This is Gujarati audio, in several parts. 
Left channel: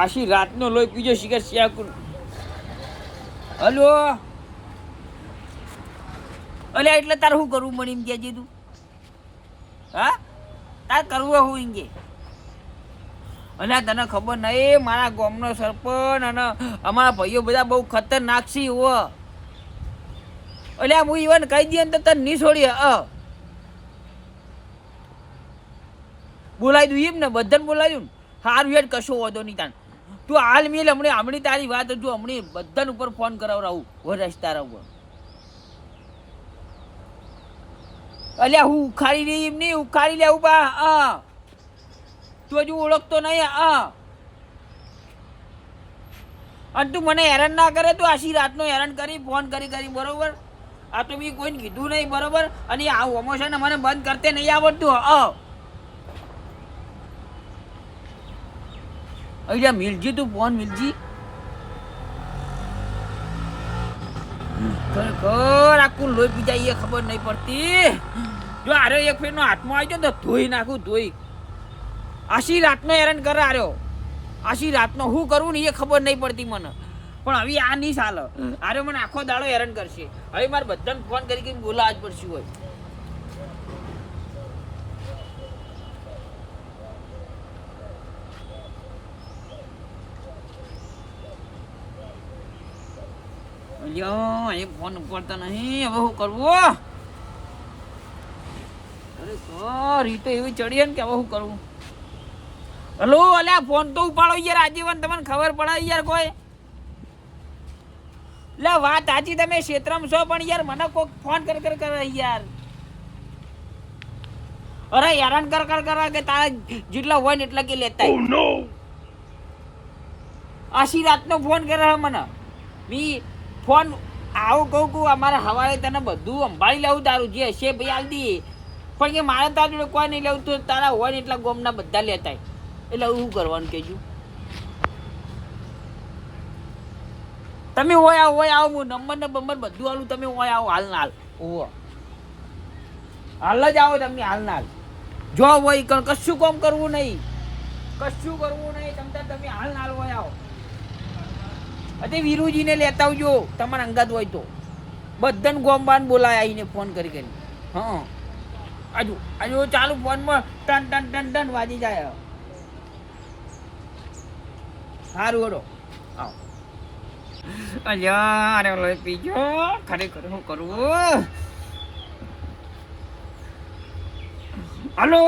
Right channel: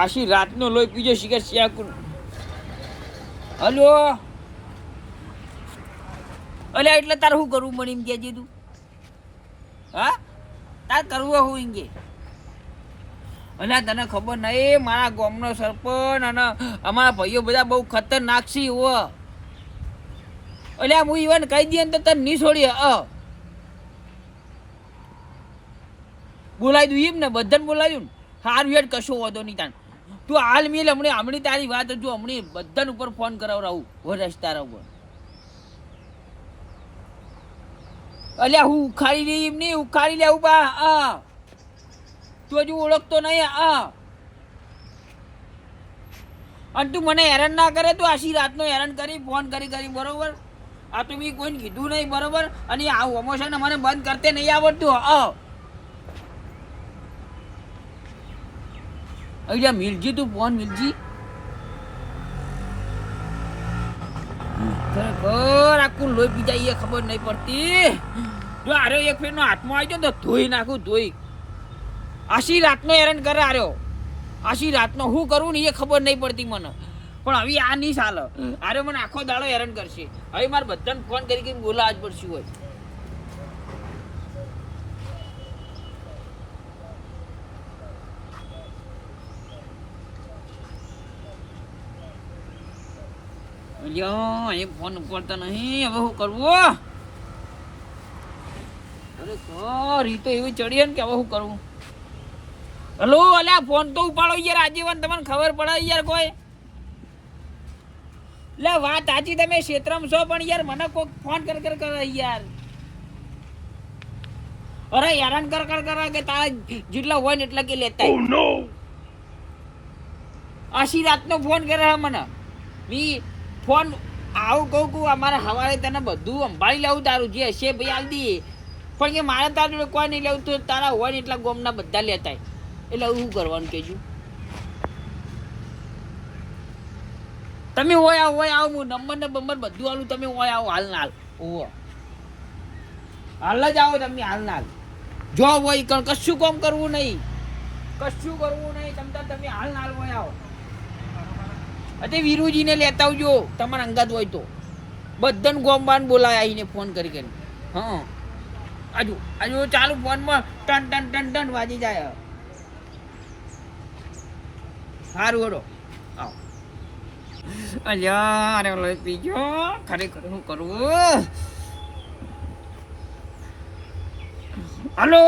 આશી રાતનો લોહી પીજો શિખર શિયાકુન. હલો અલ્યા એટલે તારે શું કરવું મને એમ કહેજે તું. હા તારે કરવું હું એમ કે. અલ્યા તને ખબર નહીં મારા ગામનો સરપંચ અને અમારા ભાઈઓ બધા બહુ ખતરનાક છે હો. અલ્યા હું ઈવન કહી દઈએ ને તો તને નહીં છોડીએ. બોલાવી દઉં એમ ને બધાને બોલાવ્યું ને સારું હેડ કશો વાંધો નહીં તાન. તું હાલ મેલ હમણાં તારી વાત હજુ હમણાં બધાને ઉપર ફોન કરાવડાવું વરસ તારા ઉપર. અલ્યા હું ઉખાડી રહી એમ નહીં ઉખાડી લે ઉભા. તું હજુ ઓળખતો નહીં. અને તું મને હેરાન ના કરે. તું આશી રાતનો હેરાન કરી ફોન કરી બરોબર. આ તો મેં કોઈને કીધું નહીં બરોબર. અને આ ઓમોશન મને બંધ કરતે નહીં આવડતું. અહીંયા મિલજી તું ફોન મિલજી ખરેખર આખું લોહી પી જાય એ ખબર નહીં પડતી. જો આર્યો એક ફેરનો હાથમાં આવી જાય તો ધોઈ નાખું ધોઈ. આશી રાતનો હેરાન કરે આર્યો. આશી રાતનો શું કરવું ને એ ખબર નહીં પડતી મને. પણ હવે આ નહીં ચાલે. આર્યો મને આખો દાડો હેરાન કરશે. હવે મારે બધાને ફોન કરી બોલાવા જ પડશે હોય. એ ફોન ઉપાડતા નહીં. હવે શું કરવું? અરે ઈ તો એવી ચડીએ ને કે હવે શું કરવું. હલો અલ્યા ફોન તો ઉપાડો યાર આજીવન. તમને ખબર પડે યાર કોઈ. લે વાત સાચી તમે ક્ષેત્રમાં છો પણ યાર મને કોઈક ફોન કરે યાર. અરે હેરાન કર કે તારા જેટલા હોય ને એટલા કે લેતા. આશી રાતનો ફોન કરે મને. મી ફોન આવું કહું અમારે સવારે તને બધું સંભાળી લેવું તારું જે હશે ભાઈ હાલ દઈએ. પણ કે મારે તારા જોડે કોઈ નહીં લેવું. તો તારા હોય ને એટલા ગોમના બધા લેતા. એટલે શું કરવાનું કહેજો. તમે હોય આવો હું નંબર ને બંબર બધું આલું. તમે હોય આવો હાલ ના હાલ. ઓહો હાલ જ આવો તમે હાલ ના હાલ. જો હોય કશું કામ કરવું નહીં. તમે હાલ ના હાલ હોય આવો. અતે વીરુજીને લેતા આવજો તમારા અંગાત હોય તો. બધાને ગોમબાન બોલાય આવીને ફોન કરી. હા આજુ ચાલુ ફોનમાં ટન વાજી જાય. સારું હડો આવો. અલ્યા અરે લોહી પીજો ખરેખર શું કરવું. હલો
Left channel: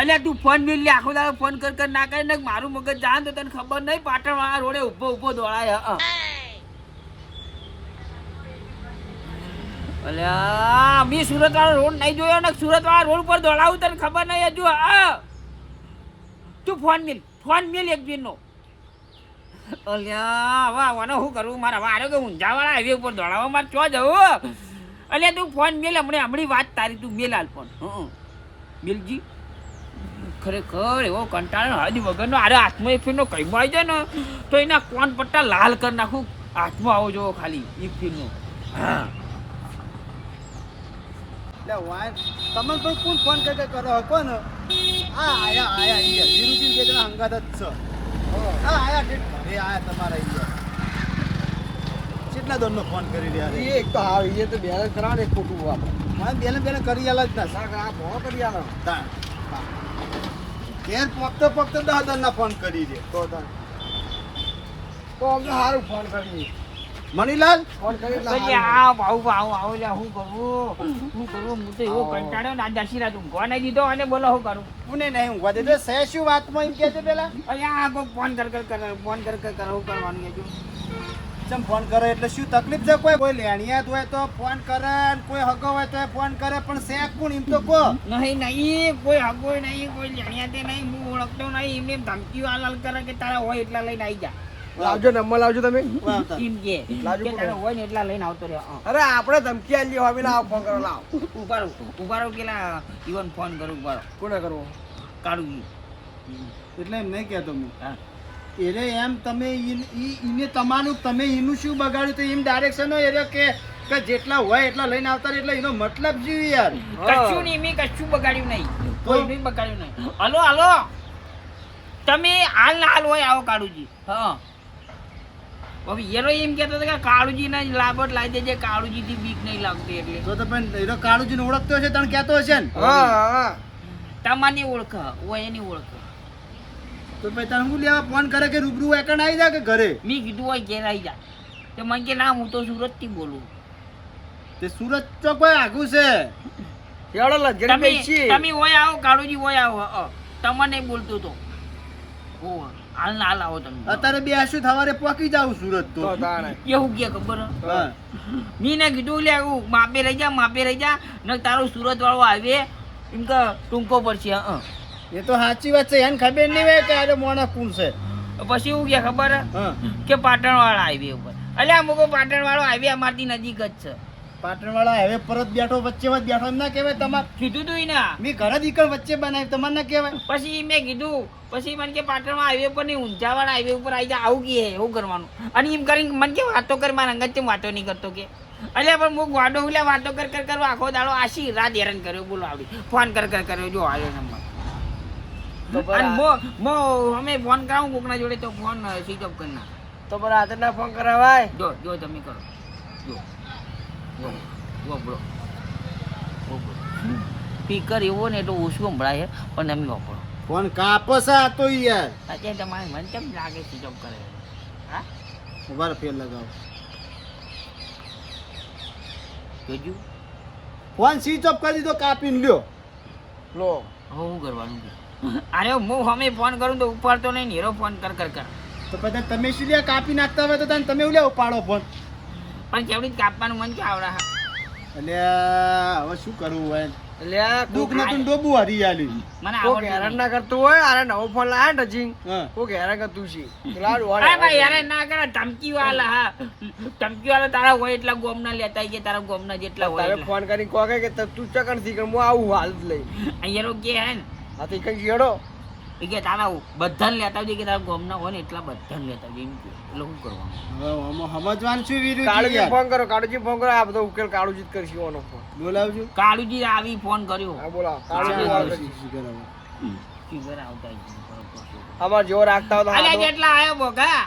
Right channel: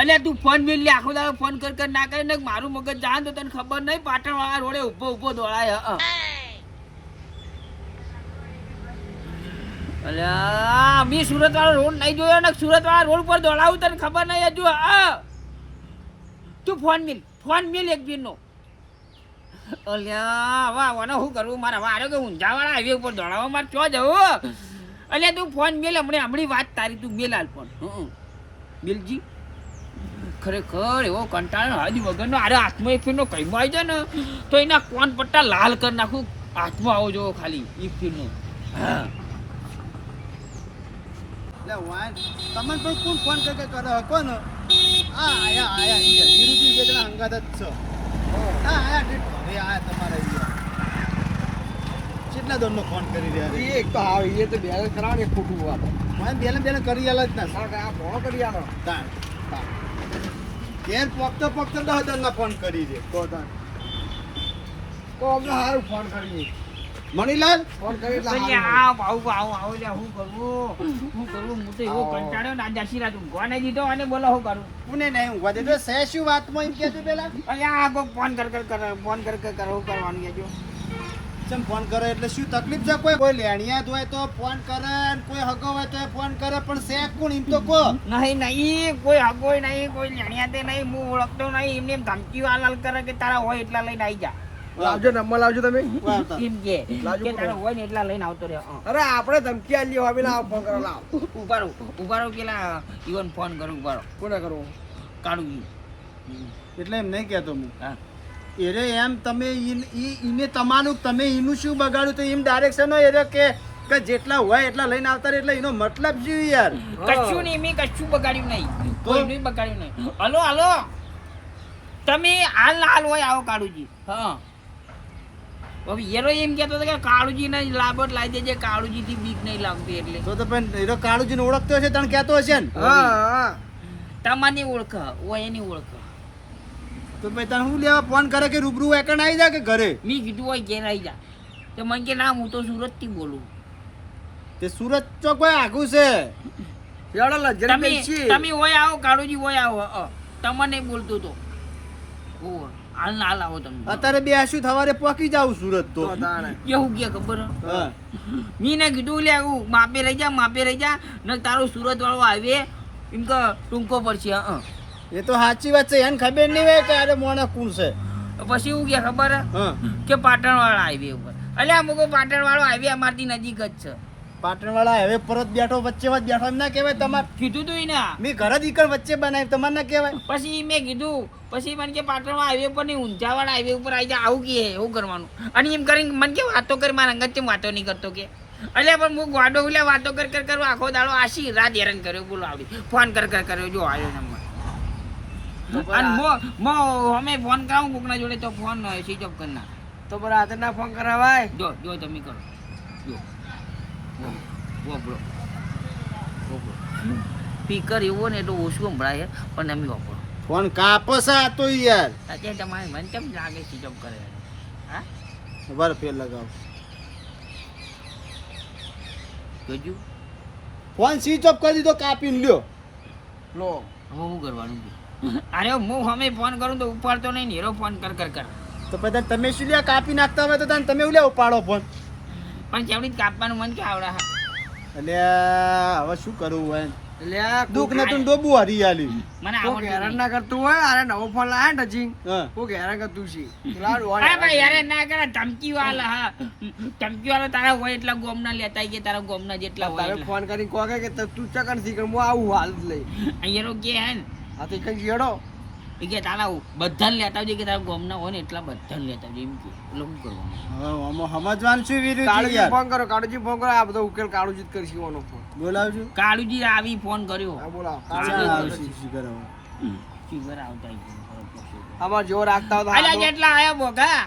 અલ્યા તું ફોન મેળ લે. આખો દાડો ફોન કર ના કરે ને મારું મગજ જાન તો તને ખબર નહીં. પાટણ વાળા રોડે ઉભો દોડાય. અલ્યા મેં સુરત વાળો રોડ નહીં જોયો ને. સુરત વાળા રોડ પર દોડાવું તને ખબર નહીં હજુ. તું ફોન મેલ એક દિન નો. અલ્યા વાહ વાને શું કરવું. મારા વારે કે ઊંઝા વાળા હાઈવે ઉપર દોડાવવા મારે ચો જવું. અલ્યા તું ફોન મેલ હમણાં વાત તારી. તું મેલ હાલ ફોન. મેલજી ખરેખર એવો કંટાળો હાજી વગરનો. અરે હાથમાં એક ફીરનો કઈમાં આવી જાય ને તો એના કોણ પટ્ટા લાલ કરી નાખું. હાથમાં આવો જોવો ખાલી એક ફીરનો. હા તમે પણ કોણ ફોન કરે કોણ આયા વિરુજી બે જણા હંગાત જ છે. આયા ઘરે આયા તમારા કેટલા દોરનો ફોન કરી રહ્યા. એક તો આવે એ તો બેલેન્સ કરાવે ને ખોટું આપણે બેલેન્સ કરી આલા જ ના. આ ભો કરી આલો ઘેર પોકતો 10 દોરના ફોન કરી દે તો અમને સારું ફોન કરી. મણીલાલ ફોન કરી હું કરું હું તો એવો કંટાળ્યો ને. આજે આશીર્વાદ ઊંઘવા નહીં દીધો અને બોલો શું કરું. કોને નહીં ઊંઘવા દીધો. શું વાતમાં એમ કહેજો પેલા. અલ્યા ફોન કર શું કરવાનું કહેજો. ચમ ફોન કરે એટલે શું તકલીફ છે. કોઈ લેણિયાત હોય તો ફોન કરે, કોઈ હગો હોય તો ફોન કરે, પણ શેક કોણ એમ તો કહો. નહીં કોઈ હગો નહીં, કોઈ લેણિયાતે નહીં. હું ઓળખતો નહીં. એમને ધમકી હાલ કરે કે તારા હોય એટલા લઈને આવી જા. લાવજો નંબર લાવજો તમે. એમ કે તારા હોય ને એટલા લઈને આવતો રહ્યો. અરે આપણે ધમકી આલી હવે ના ફોન કરો. લાવ ઉભારો પેલા ઈવન ફોન કરું. ઉભારો કોને કરવો. કાઢું એટલે એમ નહીં કહેતો હું. હા એરે એમ તમે ઈને તમારું તમે એનું શું બગાડ્યું તો એમ ડાયરેક્શન હોય કે જેટલા હોય એટલા લઈને આવતા એટલે એનો મતલબ શું યાર. કશું નહીં મેં કશું બગાડ્યું નહીં. કોઈ નહીં બગાડ્યું નહીં. હલો તમે હાલ ના હાલ હોય આવો કાળુજી. હા હવે હીરો એમ કહેતો હતો કે કાળુજી ને લાબોટ લાવી દેજે, કાળુજી થી બીક નહીં લાગતી એટલે. તો પણ હીરો કાળુજીને ઓળખતો હશે તને કહેતો હશે ને. હા તમારી ઓળખ હોય એની ઓળખ. તો પછી તને શું લેવા ફોન કરે કે રૂબરૂ એકણ આવી જાય કે ઘરે? મેં કીધું હોય ઘેર આવી જા. તો મને કે ના હું તો સુરત થી બોલું. તે સુરત ચોક ભાઈ આગું છે. યાડો લગન તમે બેસી તમે હોય આવો કાળુજી હોય આવો. તમને બોલતો તો હાલ ના હાલ આવો તમે. અત્યારે બે શું થવારે પોકી જાવ સુરત તો. તો તાણે એવું કે ખબર હે? હા મી ને કીધું લે હું માપે રહી જા ને તારો સુરત વાળો આવે એમ કે ટૂંકો પડશે. એ તો સાચી વાત છે, એને ખબર નહીં હોય કે આરે મોણા કોણ છે. પછી એવું કે ખબર હે? હા કે પાટણ વાળા હાઈવે ઉપર. અલ્યા અમુક પાટણ વાળો હાઈવે અમારથી નજીક જ છે. પાટણ વાળા હવે પરત બેઠો વચ્ચે વચ્ચે બેઠો એમ ના કહેવાય તમારે? કીધું તું ને. મેં ઘર જ ઈકણ વચ્ચે બનાવી તમારે ના કહેવાય? પછી મેં કીધું પછી મને કે પાટણમાં હાઈવે ઉપર નહીં ઊંઝા વાળા હાઈવે ઉપર આવી જાય આવું કે એવું કરવાનું. અને એમ કરીને મને કે વાતો કરી મારા અંગત કેમ વાતો નહીં કરતો કે. અલ્યા પણ હું વાડો ઉલ્યા વાતો કરવા આખો દાડો આશી રાત હેરાન કર્યો બોલો આવડી. ફોન કર્યો જો આવ્યો નંબર. અને અમે ફોન કરાવું કોકના જોડે તો ફોન સ્વિચ ઓફ કરી નાખ. તો પર આજે ના ફોન કરાવાય. જો તમે કરો જો વાપરો સ્પીકર એવો ને એટલું ઓછું સંભળાય પણ તમે વાપરો. ફોન કાપો છે આ તો યાર. અત્યારે તમારે મને કેમ લાગે સ્વિચ ઓફ કરે? હા બર ફેર લગાવ. જોજુ ફોન સ્વિચ ઓફ કરી દીધો કાપીને લ્યો. લો હવે શું કરવાનું? અરે હું અમે ફોન કરું તો ઉપાડતો નહીં ને હીરો ફોન કર તો પછી તમે શું લ્યા કાપી નાખતા હોય તો તમે લ્યા ઉપાડો ફોન. પણ કેવડી કાપવાનું મન કે આવડા. એટલે હવે શું કરવું હોય? એટલે આ દુઃખ નતું ડોબું હરી આલી. મને કોક આવડતું હેરાન નહીં. ના કરતું હોય અરે નવો ફોન લાયા ને હજી હા કોક હેરાન કરતું છે પેલા ડોહાને અરે ભાઈ યાર ના કરે ધમકી વાળા. હા ધમકી વાળા તારા હોય એટલા ગોમના લેતા આઈએ, તારા ગોમના જેટલા હોય તારે એટલા. ફોન કરીને કહો કે તું ચકન થી કે હું આવું હાલ જ લઈ અહીંયા કે હે ને આ તો કઈ ગેડો એ કે તારા બધાને લેતા આવજે કે તારા ગોમના હોય ને એટલા બધાને લેતા આવજે એમ કે. એટલે શું કરવાનું? હવે આમાં સમજવાનું શું વીરું કાળુજી યાર? કાળુજી ફોન કરો આ બધો ઉકેલ કાળુજી જ કરશે ઓનો ફોન બોલાવજો. કાળુજી આવી ફોન કર્યો. હા બોલાવો ચાલો, કાળુજી ચાલો. આવશે. ફીવર આવતા જ નહીં. અમાર જેવો રાખતા હોય તો અલ્યા હાલો. જેટલા આયો બોગા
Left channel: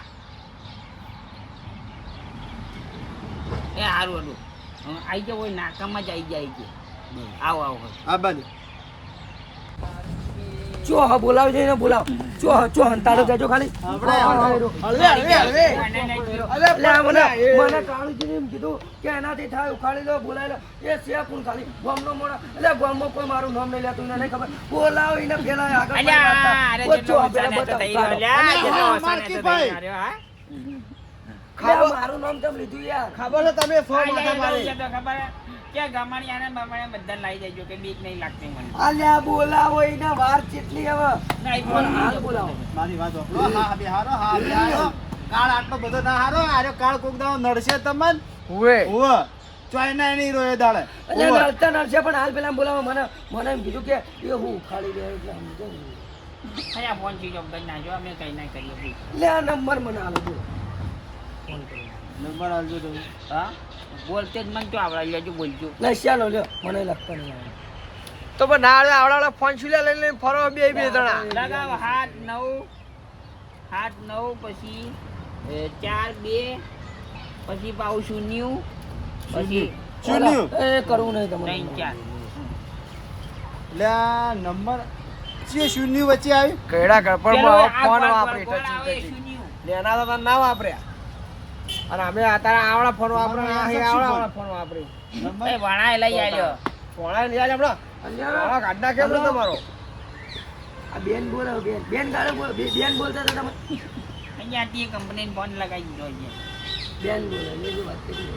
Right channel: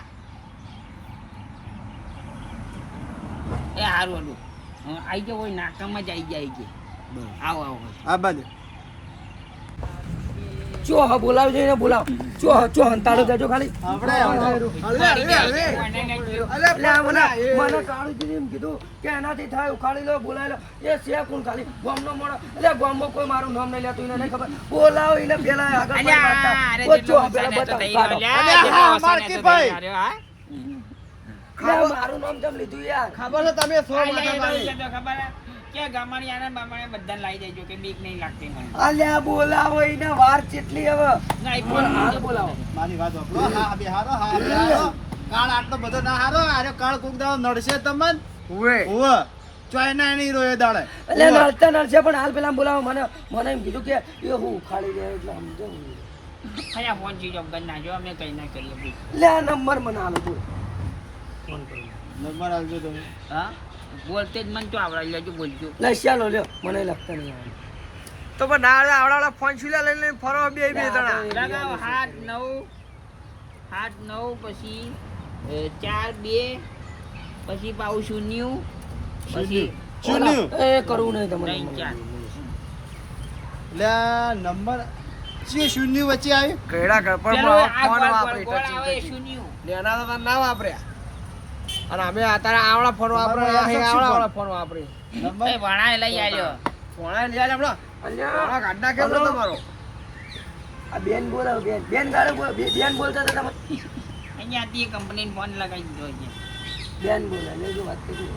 એ હારું હડું આઈ જાવ હોય નાકામાં જ આઈ જાય છે. આવો આ બાજુ ચો હા બોલાવજો એને બોલાવ ચો હંતાડો જજો ખાલી આપણે મને કાળુજીને એમ કીધું કે એનાથી થાય ઉખાડી લો બોલાવી લો એ છે કોણ ખાલી ગામનો મોણો એટલે ગામમાં કોઈ મારું નામ નહીં લેતું એને નહીં ખબર બોલાવો એને પેલા આગળ કોઈ વાતતા. ઓ ચો પેલા બતાવો કાઢો. લે, મારું નામ કેમ લીધું યાર ખબર છે તમે સો માથા મારી. અલ્યા બોલાવો એને વાર ચેટલી હવે હાલ બોલાવો મારી વાત વાપરો. હા બે હારો હા બે હારો. કાળ આટલો બધો ના હારો. આરે કાળ કોક દાડો નડશે તમને. હુએ ઓવે ચોય ના નહીં રોય દાડે. એટલે નડશે પણ હાલ પેલા બોલાવો મને એમ કીધું કે એ હું ઉખાડી દે એટલે સમજો લે આ નંબર મને હાલો બોલો ફોન કરો નંબર આવજો તમે. બોલતે જ મને તો આવડા લેજો બોલજો. લે ચાલો લ્યો મને લખતા નહીં આવે તો પણ ના આવડા ફોન છુલ્યા લઈને ફરો બે લગાવો 7 9 પછી 4 2 પછી પાઉ શૂન્ય પછી શૂન્ય. એ કરવું નહીં તમારે 3 4 એટલે આ નંબર છે શૂન્ય વચ્ચે આવી. ગયડા પેલો ગળપણ આ ફોન ગોળ વાપરે ગોળ આવે શૂન્ય. લેના તો ના વાપર્યા અને અમે તારા આવડા ફોન વાપરે અહીં આવડા ફોન વાપરે નંબર એ ભણાય લઈ આવ્યો. ફોન લઈ આલે આપણો અલ્યા ગાડા કેમ તમારો આ બેન બોલાવો બેન ગાળે બોલ બેન બોલતા હતા તમે અહીંયાથી કંપની ફોન લગાવી દીધો છે. બેન બોલે લેજો વાત કરી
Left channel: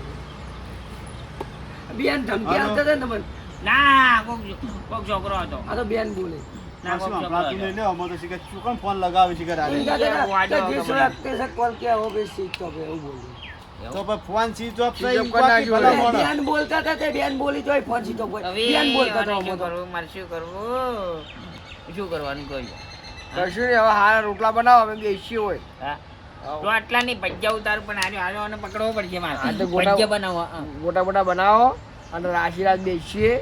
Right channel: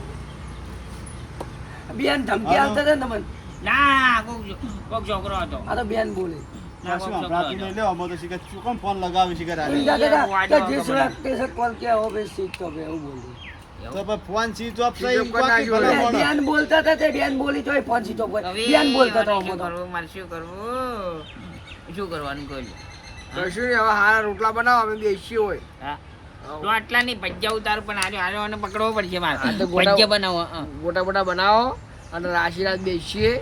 બેન ધમકી આપતા હતા ને તમને ના કોક છોકરો હતો. આ તો બેન બોલે ના કોક છોકરો આપણાથી હતો. નહીં લેવો. અમે તો શીખે શું કોણ ફોન લગાવે શીખે આરે. जिस व्यक्ति से कॉल किया हो भी सीख तो એવું બોલ્યું તો પછી ફોન સ્વિચ ઓફ થઈ એમ બાકી ભલા મોણો. બેન બોલતા હતા તે બેન બોલી તોય ફોન સીધો બોલ હવે બેન બોલતા હતા શું અમે તો કરવું? મારે શું કરવું? શું કરવાનું કહો? કશું નહીં હવે હારા રોટલા બનાવો અમે બેસી હોય હા તો આટલા નહીં ભજ્જા ઉતાર પણ હાર્યો અને પકડવો પડશે હા, મારે તો ગોટા- ભજ્જા બનાવો. હા. મોટા મોટા બનાવો અને રાશિરાજ બેસીએ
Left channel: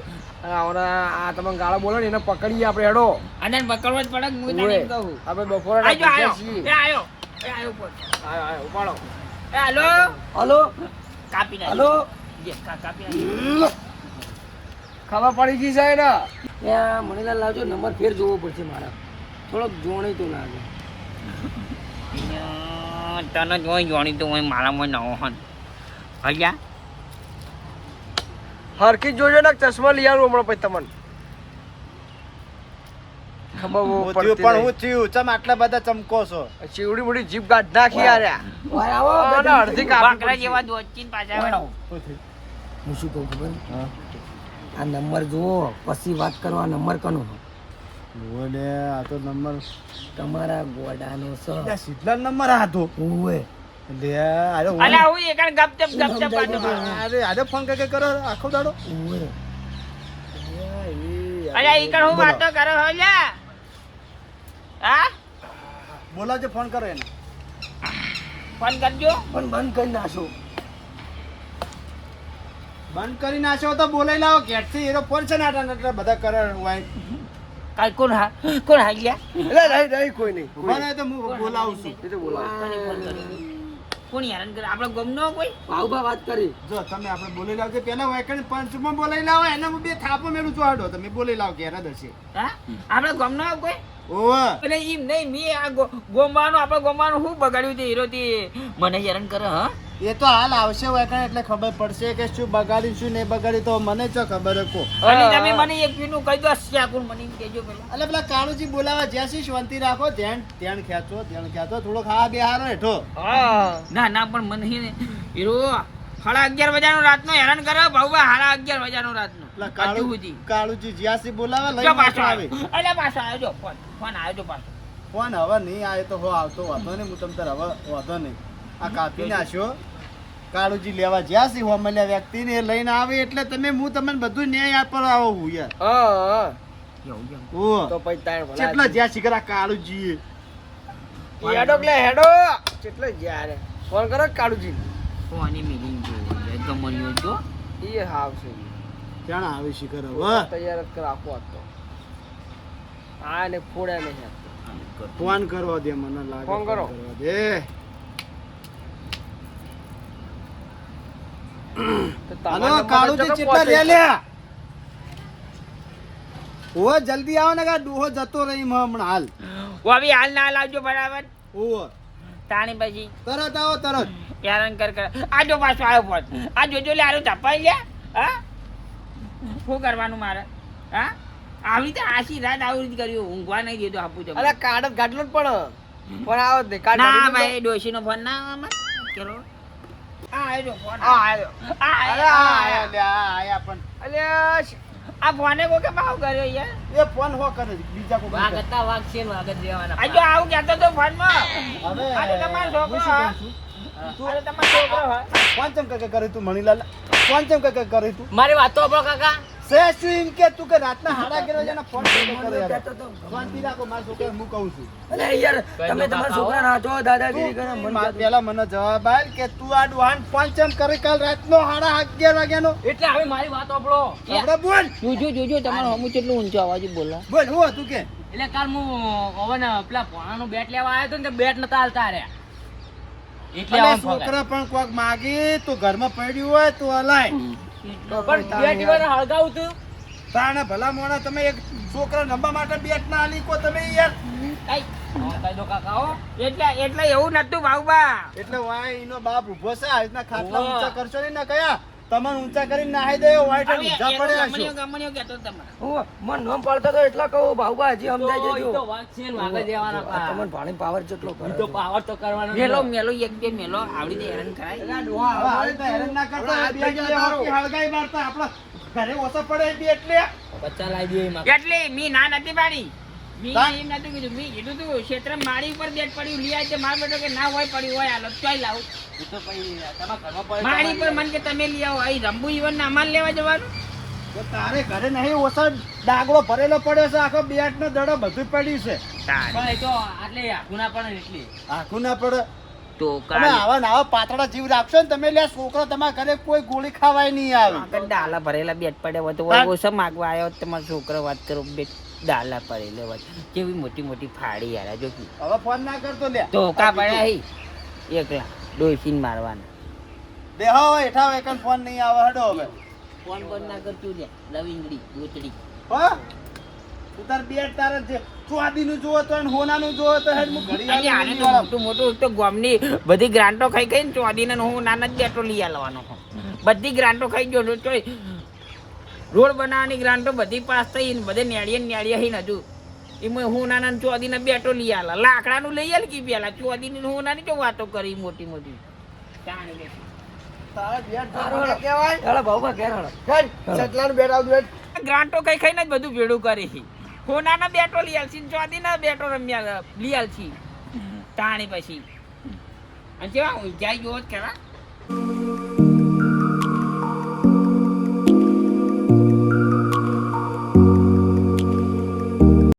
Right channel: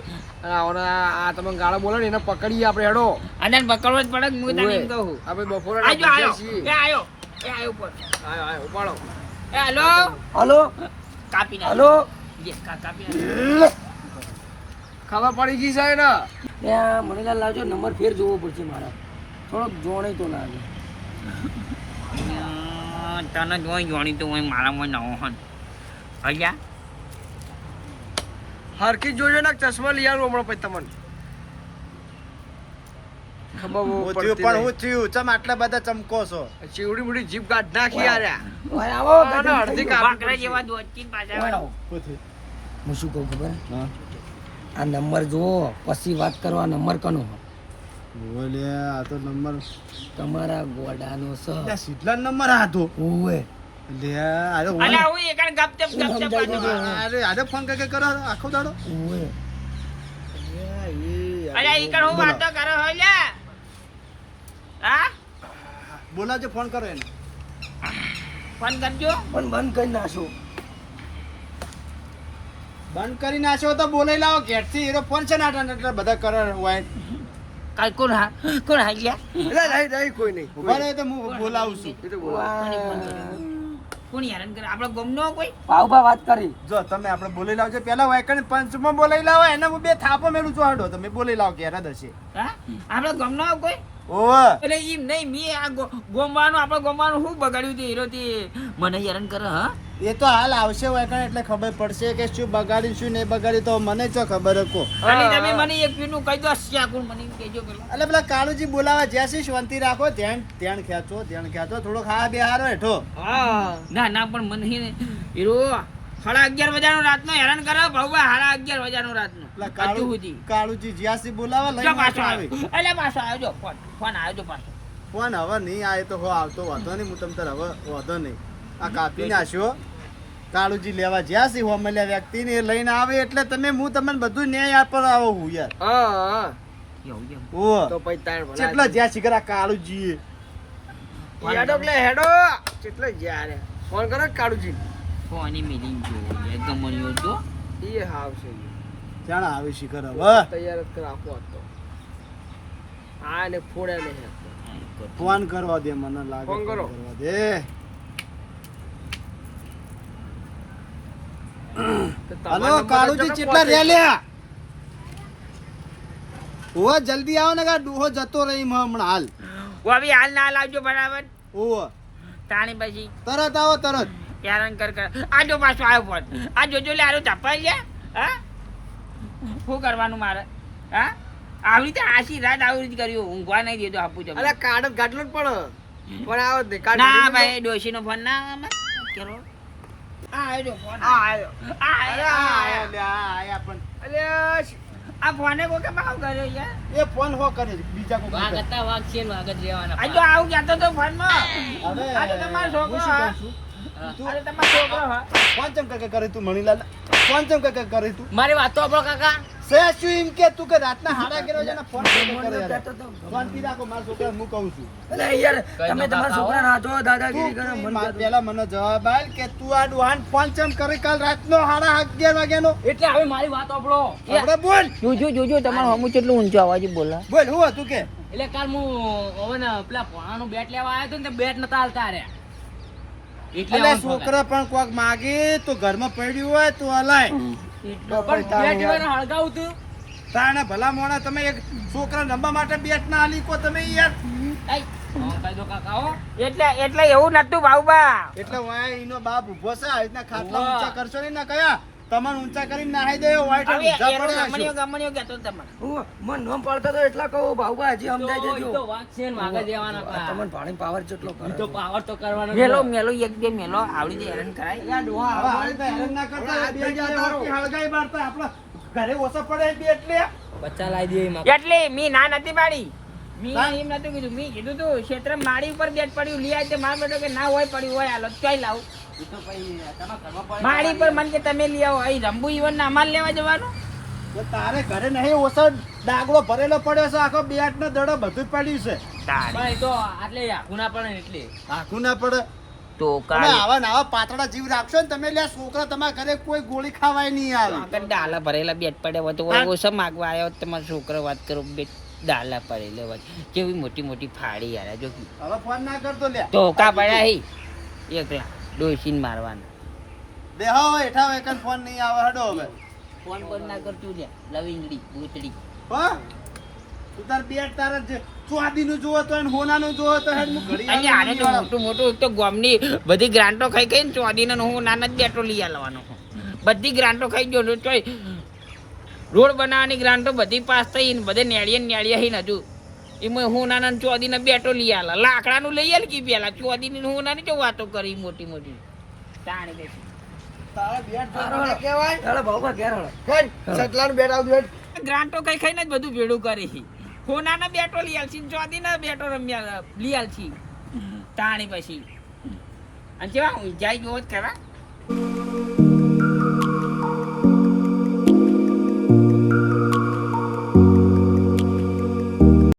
અને આવડા આ તમે ગાળો બોલો ને એને પકડીએ આપણે હેડો અને પકડવો જ પડે હું તને એમ કહું આપણે બપોરે આયો આયો એ આયો ઉપર આયો ઉપાડો એ હાલો હલો કાપી નાખ હલો કાપી નાખ. ખબર પડી ગઈ છે ને ત્યાં મને લાવજો નંબર ફેર જોવો પડશે મારા થોડોક જોણે તો લાગે તને જોઈ જોણી તો હું મારામાં નવો હન ભૈયા હરકી જોજો ને ચશ્મા લઈ આવું હમણાં પછી તમને ખબર પણ હું થયું ચમ આટલા બધા ચમકો છો ચીવડી મોટી જીભ કાઢ નાખી યાર આવો અડધી બાકરા જેવા દોચીન પાછા હું શું કહું ખબર આ નંબર જુઓ પછી વાત કરો આ નંબર કનો બોલે આ તો નંબર તમારા ગોડાનો છે સીધલા નંબર હતો ઓએ લે અરે અલા હું એકણ ગપચપ અરે આજે ફોન કે કરો આખો દાડો ઓએ અલા એકણ હું વાતો કરો હો લ્યા હા બોલાજો ફોન કરો એને ફોન કરજો પણ બંધ કરી નાખો બંધ કરી નાખ્યો તો બોલાઈ લાવો ઘેરથી એરો ફોન છે ને આટલા બધા કરે હોય કાલ કોણ હા ગયા નહીં કોઈ નહીં ઉભા રહે તો હું બોલાવું છું કોણ યાર આપણે ગમનો કોઈ ભાવભા વાત કરી જો તમે આપણે બોલાઈ લાવજો પેલા વાયકણ પંચમાં બોલાઈ લાવો એને હું બે થાપો મેળું છું હાડો તમે બોલાઈ લાવો ઘેર જ હશે હા આપણે ગમનો કોઈ ઓવે એટલે એમ નહીં મેં આ ગોમવાનું આપણે ગોમવાનું શું બગાડ્યું છે હીરોથી મને હેરાન કરે હા એ તો હાલ આવશે વાયકણ એટલે ખબર પડશે કે શું બગાડ્યું શું નહીં બગાડ્યું તો મને ચો ખબર કો એટલે તમે મને એક પીનું કહી દો શ્યાકુણ મને એમ કહેજો પેલા એટલે પેલા કાળુજી બોલાવા જ્યાં શાંતિ રાખો ધ્યાન ખેંચો થોડો ખાવા બેહારો હેઠો ના ના પણ મને હે ને હીરો 11:30 વાગ્યાનો રાતનો હેરાન કરે ભાવવા 11:30 વાગ્યાનો રાતનો કાળુજી જ્યાંથી બોલાવા લઈ પાછો આવે એટલે પાછો આવ્યો જો ફોન આવ્યો જો પાછો ફોન હવે નહીં આવે તો હો આવતો વાંધો નહીં હું તમ તાર હવે વાંધો નહીં આ કાપી નાખ્યો કાળુજી લેવા જ્યાંથી હો મળ્યા વ્યક્તિને લઈને આવે એટલે તમે હું તમને બધું ન્યાય આપવા આવો હું યાર ઓ તો પછી તાર કેટલા જ્યાં શીખરા કાળુજી હેડો એટલે હેડો કેટલે જ્યારે ફોન કરો કાળુજી ફોન મિલિંગ જો યાર ગમણ્યો જો એ આવશે ક્યાં આવે શિખર હવે તૈયાર જ રાખો હતો આ ને ફોડ્યા નહીં ફોન કરવા દે મને લાગે ફોન કરો. કરવા દે હલો કાળુજી કેટલા રે લ્યા ઓ જલ્દી આવો ને કા ડૂહો જતો રહી હમણાં હાલ વાવી હાલ ના લાવજો બરાબર ઓ તાણી પછી તરત આવો તરત હેરાન કર આજો પાછો આવ્યો ફોન આ જોજો લે આરો ચપાઈ લે હા શું કરવાનું મારે હા આવી રીતે આશી રાત આવી રીતે કર્યું ઊંઘવા નહીં દેતો આપું છે અલા કાઢ ગાડલો જ પણ આવો દે કાઢ ના ભાઈ ડોશીનો ફોન ના આમાં કેરો આ આવ્યો જો ફોન આ આવ્યો આયા પણ અલ્યા આ ફોને કોકે ભાવ કર્યો યાર એ ફોન હો કરે બીજા કોઈ વાગ હતા વાગ છે વાગ જ રહેવાના આ જો આવું કહેતો તો ફોન માં હવે આ તો તમારો છોકરો હું શું હા કહું છું? તું અરે તમારો છોકરો હા ફોન ચમ કે કરે તું મણીલાલ ફોન ચમ કે કરે તું મારી વાતો આપણો કાકા સે શું એમ કે તું કે રાતના હાડા ગેરો છે ને ફોન કરે યાર ફોન પી રાખો મારા છોકરા હું કહું છું અલે યાર તમે તમારા છોકરાને હાથો દાદાગીરી કરે મન પેલા મને જવાબ આલ કે તું આ ડુહાન ફોન ચમ કરે કાલ રાતનો 11:30 વાગ્યાનો એટલે હવે મારી વાત આપણો આપણે બોલ જોજો તમારું હમું કેટલું ઊંચું અવાજ બોલા બોલ હું હતું કે એટલે કાલ હું ઓવન પેલા પોણાનું બેટ લેવા આવ્યો તો ને બેટ નતા હાલતા રે એટલે છોકરા પણ કોક માગી તો ઘરમાં પડ્યું હોય તો હલાય હળગાવું તું તાણે ભલા મોણા તમે એક છોકરા નંબા માટે બેટ ના આલી કો તમે યાર એટલે એવું નતું બાબા એટલે વાય ઈનો બાપ ઉભો છે આ રીતના ખાટલા ઊંચા કરશો ને ના કયા તમને ઊંચા કરીને નાહી દેવો વાઈટ ઊંચા પડે હશો ગમણ્યો કહેતો તમારે હું મન નોમ પાડતો તો એટલા કહું ભાવબા હજી સમજાઈ જજો તો વાગ છે ને વાગ જ દેવાના તમને પાણી પાવર જેટલો કરે તો પાવર તો કરવાનો મેલો એક બે મેલો આવડી દે હેરાન કરાય હવે આ રીતના હેરાન ના કરતા બે જણા હળગાઈ મારતા આપણા ઘરે ઓછા પડે બે એટલે બચ્ચા લાવી દે એટલે મી ના નથી પાડી મી એમ નતું કીધું મી કીધું તું ક્ષેત્ર માળી ઉપર બેટ પડ્યું લઈ આવે માર બેટો કે ના હોય પડ્યું હોય હાલત ચોઈ લાવું માળી પર મન કે તમે લઈ આવો અહીં રંબુ ઈવન ના અમાર લેવા જવાનું તો તારે ઘરે નહીં ઓછા ડાગલો ભરેલો પડ્યો છે આખો બેટ નો દડો બધું પડ્યું છે પણ એ તો આટલે આખું ના પડે ને એટલે આખું ના પડે તો તમે આવા ને આવા પાતળા જીવ રાખશો ને તમે લે છોકરા તમારા ઘરે કોઈ ગોળી ખાવાય નહીં આવે આગળ ડાલા ભરેલા બેટ પડ્યા હોય તો ઓછા માગવા આવ્યો હોત તમારો છોકરો વાત કરો બેટ ડાલા પડેલા હોય કેવી મોટી મોટી ફાડી યાર જો હવે ફોન ના કરતો લે તો કા પડ્યા હી એક ડોસીન મારવાનું બેહો એઠા એક ફોન નહીં આવે હડો હવે ફોન બંધ ના કરતું લે લવિંગડી બુચડી હા તું તાર બેટ તાર ચોદી નું જોવો તો હોના નું જોવો તો હેડ હું ઘડી અને આને તો મોટું મોટું તો ગામની બધી ગ્રાન્ટો ખાઈ ખાઈ ને ચોદી ને હું નાના જ બેટો લઈ આવવાનો બધી ગ્રાન્ટો ખાઈ ગયો તો રોડ બનાવવાની ગ્રાન્ટો બધી પાસ થઈ ને બધે નેળિયા હી ને હજુ એમાં હું નાના ચોદી ને બેટો લઈ આલા લાકડાનું લઈ આલ કી પેલા ચોદી ની હું નાની જો વાતો કરી મોટી મોટી તાણી બેઠી તારે બેટ જોડો કેવાય ચાલો ભાઉભા ઘેર હળો હેડ સટલાનું બેટ આવ બેટ ગ્રાન્ટો ખાઈ ખાઈને જ બધું ભેડું કરી હોનાના બેટો લઈ આલશી ચોદીના બેટો રમ્યા લઈ આલશી તાણી પછી અને કેવા ઊંચાઈ જોવો જ ખરા